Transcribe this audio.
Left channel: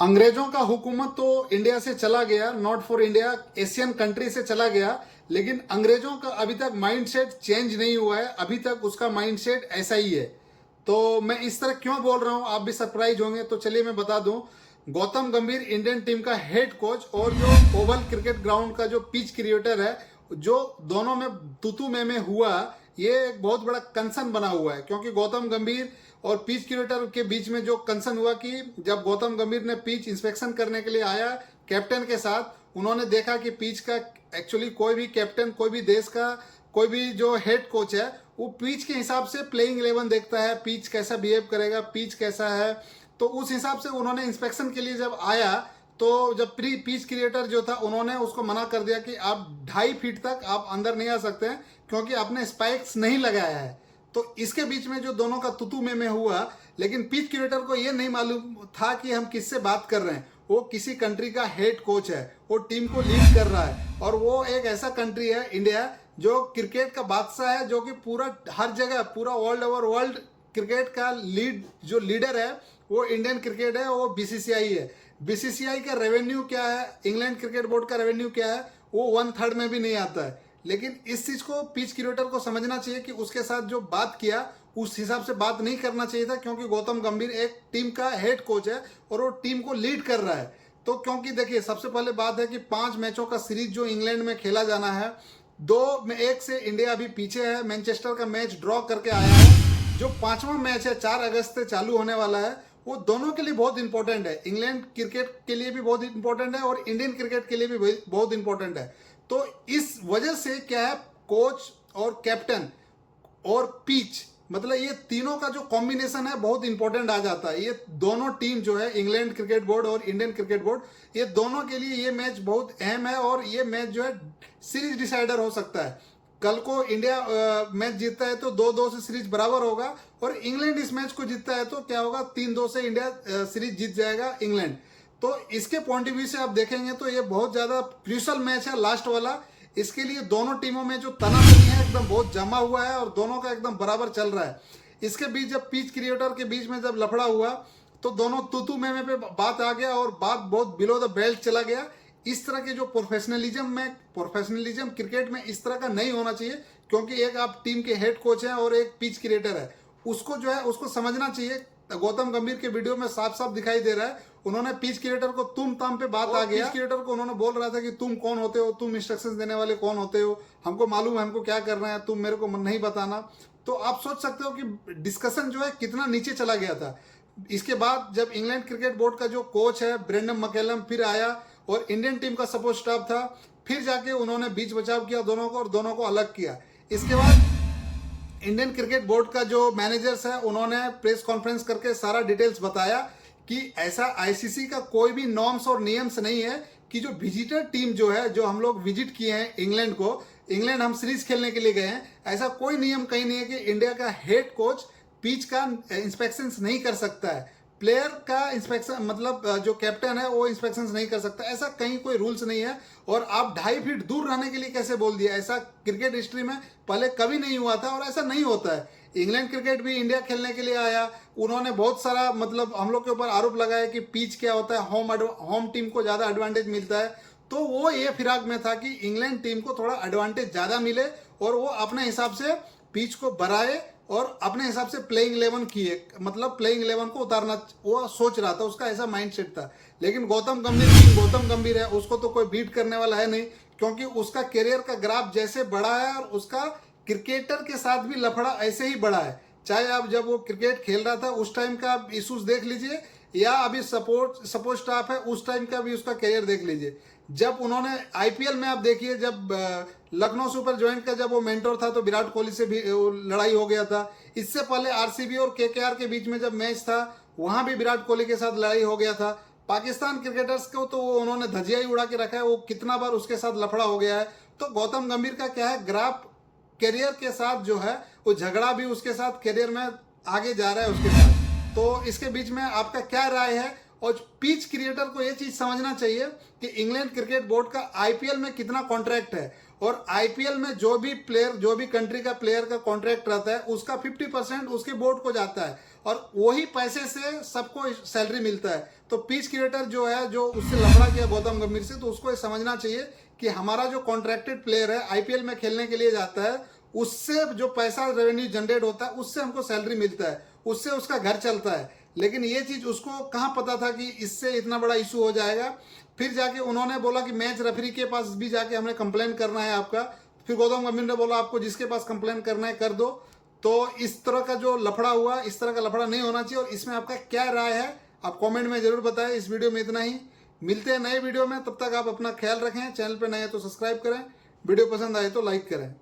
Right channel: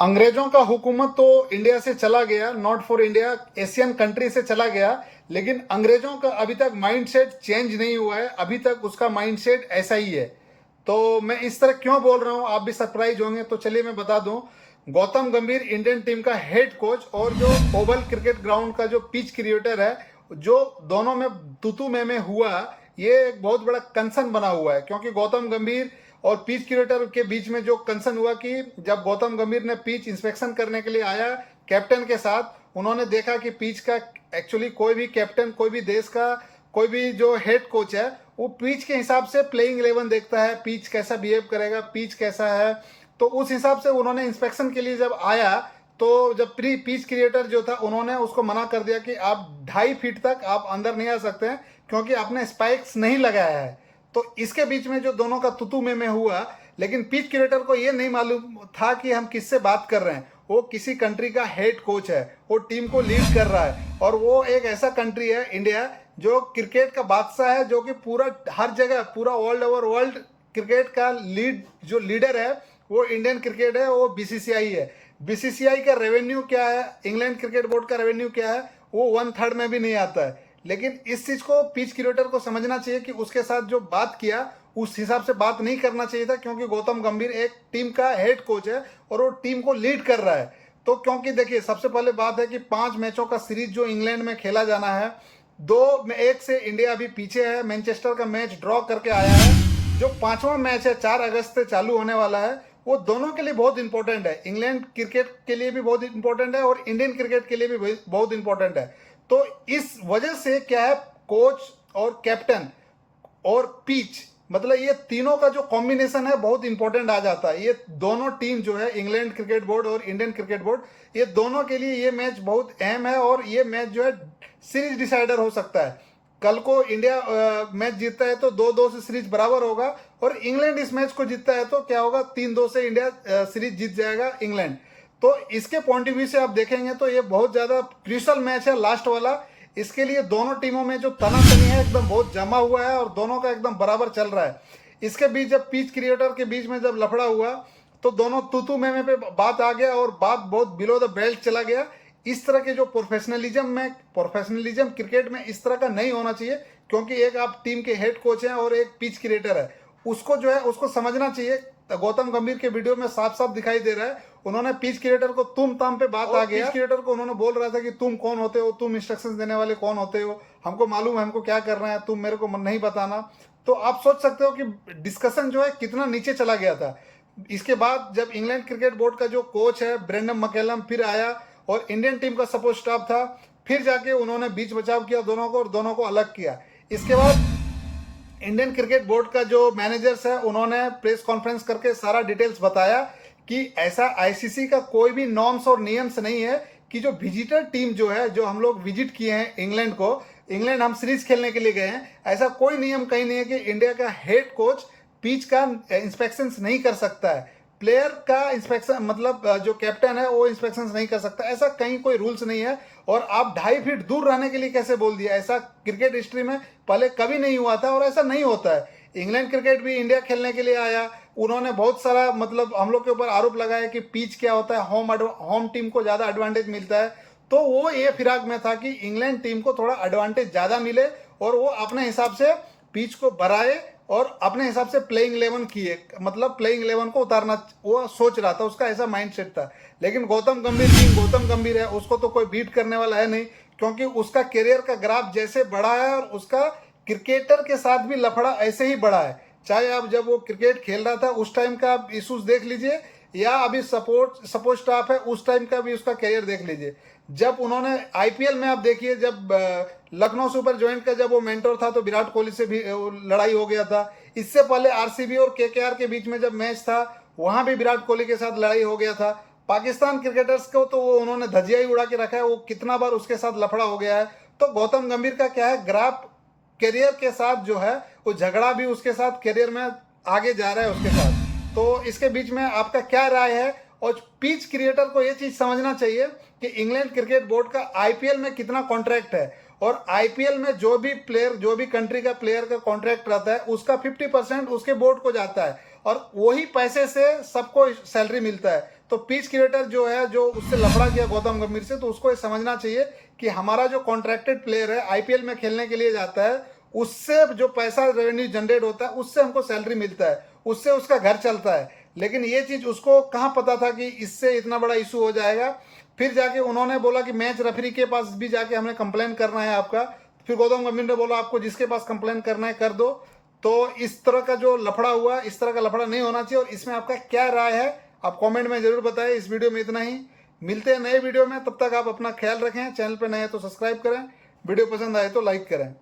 अंग्रेजों का हुकूमत तो इंडिया से चला गया, not for India, Asian country से चला गया, लेकिन अंग्रेजों का अभी तक माइंडसेट चेंज नहीं हुआ है। अभी तक उसका माइंडसेट ऐसा ही है। तो मैं इस तरह क्यों बोल रहा हूं, आप भी सरप्राइज होंगे। तो चलिए मैं बता दूं, गौतम गंभीर इंडियन टीम का हेड कोच और जो ओवल क्रिकेट ग्राउंड का जो पिच क्रिएटर है, जो दोनों में तूतू में हुआ, ये एक बहुत बड़ा कंसर्न बना हुआ है। क्योंकि गौतम गंभीर और पिच क्रिएटर के बीच में जो कंसर्न हुआ कि जब गौतम गंभीर ने पिच इंस्पेक्शन करने के लिए आया कैप्टन के साथ, उन्होंने देखा कि पिच का एक्चुअली कोई भी कैप्टन, कोई भी देश का कोई भी जो हेड कोच है, वो पिच के हिसाब से प्लेइंग 11 देखता है, पिच कैसा बिहेव करेगा, पिच कैसा है। तो उस हिसाब से उन्होंने इंस्पेक्शन के लिए जब आया, तो जब प्री पिच क्रिएटर जो था, उन्होंने उसको मना कर दिया कि आप 2.5 फीट तक आप अंदर नहीं आ सकते हैं, क्योंकि आपने स्पाइक्स नहीं लगाया है। तो इसके बीच में जो दोनों का तुतू में हुआ, लेकिन पिच क्रिएटर को ये नहीं मालूम था कि हम किससे बात कर रहे हैं। वो किसी कंट्री का हेड कोच है, वो टीम को लीड कर रहा है, और वो एक ऐसा कंट्री है इंडिया जो क्रिकेट का बादशाह है, जो कि पूरा हर जगह, पूरा वर्ल्ड ओवर वर्ल्ड क्रिकेट का जो लीडर है वो इंडियन क्रिकेट है, वो बीसीसीआई है। बीसीसीआई का रेवेन्यू क्या है, इंग्लैंड क्रिकेट बोर्ड का रेवेन्यू क्या है, वो 1/3 में भी नहीं आता है। लेकिन इस चीज को पिच क्रिएटर को समझना चाहिए कि उसके साथ जो बात किया, उस हिसाब से बात नहीं करना चाहिए था। क्योंकि गौतम गंभीर एक टीम का हेड कोच है और वो टीम को लीड कर रहा है। तो क्योंकि देखिए, सबसे पहले बात है कि 5 मैचों का सीरीज जो इंग्लैंड में खेला जाना है, 2-1 से इंडिया अभी पीछे है। मैनचेस्टर का मैच ड्रॉ करके आया है। जो 5वां मैच है 4 अगस्त से चालू होने वाला है, वो दोनों के लिए बहुत इंपॉर्टेंट है। इंग्लैंड क्रिकेट के लिए भी बहुत इंपॉर्टेंट है और इंडियन क्रिकेट के लिए भी बहुत इंपॉर्टेंट है। तो इस वजह से क्या है, कोच और कैप्टन और पिच, मतलब ये तीनों का जो कॉम्बिनेशन है बहुत इंपॉर्टेंट आ जाता है। ये दोनों टीम जो है, इंग्लैंड क्रिकेट बोर्ड और इंडियन क्रिकेट बोर्ड, ये दोनों के लिए ये मैच बहुत अहम है। और ये मैच जो है सीरीज डिसाइडर हो सकता है। कल को इंडिया मैच जीतता है तो 2-2 से सीरीज बराबर होगा, और इंग्लैंड इस मैच को जीतता है तो क्या होगा, 3-2 से इंडिया सीरीज जीत जाएगा इंग्लैंड। तो इसके पॉइंट ऑफ व्यू से आप देखेंगे तो ये बहुत ज्यादा क्रूशियल मैच है, लास्ट वाला। इसके लिए दोनों टीमों में जो तनातनी है एकदम बहुत जमा हुआ है, और दोनों का एकदम बराबर चल रहा है। इसके बीच जब पिच क्रिएटर के बीच में जब लफड़ा हुआ, तो दोनों तूतू में पे बात आ गया, और बात बहुत बिलो द बेल्ट चला गया। इस तरह के जो प्रोफेशनलिज्म क्रिकेट में इस तरह का नहीं होना चाहिए। क्योंकि एक आप टीम के हेड कोच हैं और एक पिच क्रिएटर है, उसको जो है उसको समझना चाहिए। गौतम गंभीर के वीडियो में साफ साफ दिखाई दे रहा है, उन्होंने पिच क्रिएटर को तुम ताम पे बात आ गया। पिच क्रिएटर को उन्होंने बोल रहा था कि तुम कौन होते हो, तुम इंस्ट्रक्शंस देने वाले कौन होते हो, हमको मालूम है हमको क्या करना है, तुम मेरे को नहीं बताना। तो आप सोच सकते हो कि डिस्कशन जो है कितना नीचे चला गया था। इसके बाद जब इंग्लैंड क्रिकेट बोर्ड का जो कोच है ब्रेंडन मैकलम फिर आया, और इंडियन टीम का सपोर्ट स्टाफ था, फिर जाके उन्होंने बीच बचाव किया दोनों को, और दोनों को अलग किया। इसके बाद इंडियन क्रिकेट बोर्ड का जो मैनेजर्स है, उन्होंने प्रेस कॉन्फ्रेंस करके सारा डिटेल्स बताया कि ऐसा आईसीसी का कोई भी नॉर्म्स और नियम्स नहीं है कि जो विजिटर टीम जो है, जो हम लोग विजिट किए हैं इंग्लैंड को, इंग्लैंड हम सीरीज खेलने के लिए गए हैं, ऐसा कोई नियम कहीं नहीं है कि इंडिया का हेड कोच पिच का इंस्पेक्शन नहीं कर सकता है, प्लेयर का इंस्पेक्शन, मतलब जो कैप्टन है वो इंस्पेक्शन नहीं कर सकता। ऐसा कहीं कोई रूल्स नहीं है। और आप 2.5 फीट दूर रहने के लिए कैसे बोल दिया, ऐसा क्रिकेट हिस्ट्री में पहले कभी नहीं हुआ था, और ऐसा नहीं होता है। इंग्लैंड क्रिकेट भी इंडिया खेलने के लिए आया, उन्होंने बहुत सारा मतलब हम लोग के ऊपर आरोप लगाया कि पिच क्या होता है, होम टीम को ज्यादा एडवांटेज मिलता है। तो वो ये फिराक में था कि इंग्लैंड टीम को थोड़ा एडवांटेज ज्यादा मिले, और वो अपने हिसाब से पिच को बढ़ाए और अपने हिसाब से प्लेइंग 11 किए, मतलब प्लेइंग 11 को उतारना वो सोच रहा था, उसका ऐसा माइंडसेट था। लेकिन गौतम गंभीर है, उसको तो कोई बीट करने वाला है नहीं। क्योंकि उसका करियर का ग्राफ जैसे बढ़ा है, और उसका क्रिकेटर के साथ भी लफड़ा ऐसे ही बढ़ा है। चाहे आप जब वो क्रिकेट खेल रहा था उस टाइम का आप इशूज देख लीजिए, या अभी सपोर्ट स्टाफ है उस टाइम का भी उसका करियर देख लीजिए। जब उन्होंने आईपीएल में आप देखिए, जब लखनऊ सुपर जॉइंट का जब वो मेंटोर था, तो विराट कोहली से भी लड़ाई हो गया था। इससे पहले आरसीबी और केकेआर के बीच में जब मैच था, वहां भी विराट कोहली के साथ लड़ाई हो गया था। पाकिस्तान क्रिकेटर्स को तो वो उन्होंने धजिया ही उड़ा के रखा है, वो कितना बार उसके साथ लफड़ा हो गया है। तो गौतम गंभीर का क्या है, ग्राफ करियर के साथ जो है, वो झगड़ा भी उसके साथ करियर में आगे जा रहा है उसके साथ। तो इसके बीच में आपका क्या राय है। और पिच क्रिएटर को ये चीज समझना चाहिए कि इंग्लैंड क्रिकेट बोर्ड का आईपीएल में कितना कॉन्ट्रैक्ट है, और आईपीएल में जो भी प्लेयर, जो भी कंट्री का प्लेयर का कॉन्ट्रैक्ट रहता है, उसका 50% उसके बोर्ड को जाता है, और वही पैसे से सबको सैलरी मिलता है। तो पिच क्रिएटर जो है, जो उससे लफड़ा किया गौतम गंभीर से, तो उसको ये समझना चाहिए कि हमारा जो कॉन्ट्रैक्टेड प्लेयर है, आईपीएल में खेलने के लिए जाता है, उससे जो पैसा रेवेन्यू जनरेट होता है, उससे हमको सैलरी मिलता है, उससे उसका घर चलता है। लेकिन ये चीज़ उसको कहाँ पता था कि इससे इतना बड़ा इशू हो जाएगा। फिर जाके उन्होंने बोला कि मैच रेफरी के पास भी जाके हमें कंप्लेन करना है आपका। फिर गौतम गंभीर ने बोला आपको जिसके पास कंप्लेन करना है कर दो। तो इस तरह का जो लफड़ा हुआ, इस तरह का लफड़ा नहीं होना चाहिए। और इसमें आपका क्या राय है आप कमेंट में जरूर बताएं। इस वीडियो में इतना ही, मिलते हैं नए वीडियो में, तब तक आप अपना ख्याल रखें। चैनल पर नए हैं तो सब्सक्राइब करें, वीडियो पसंद आए तो लाइक करें।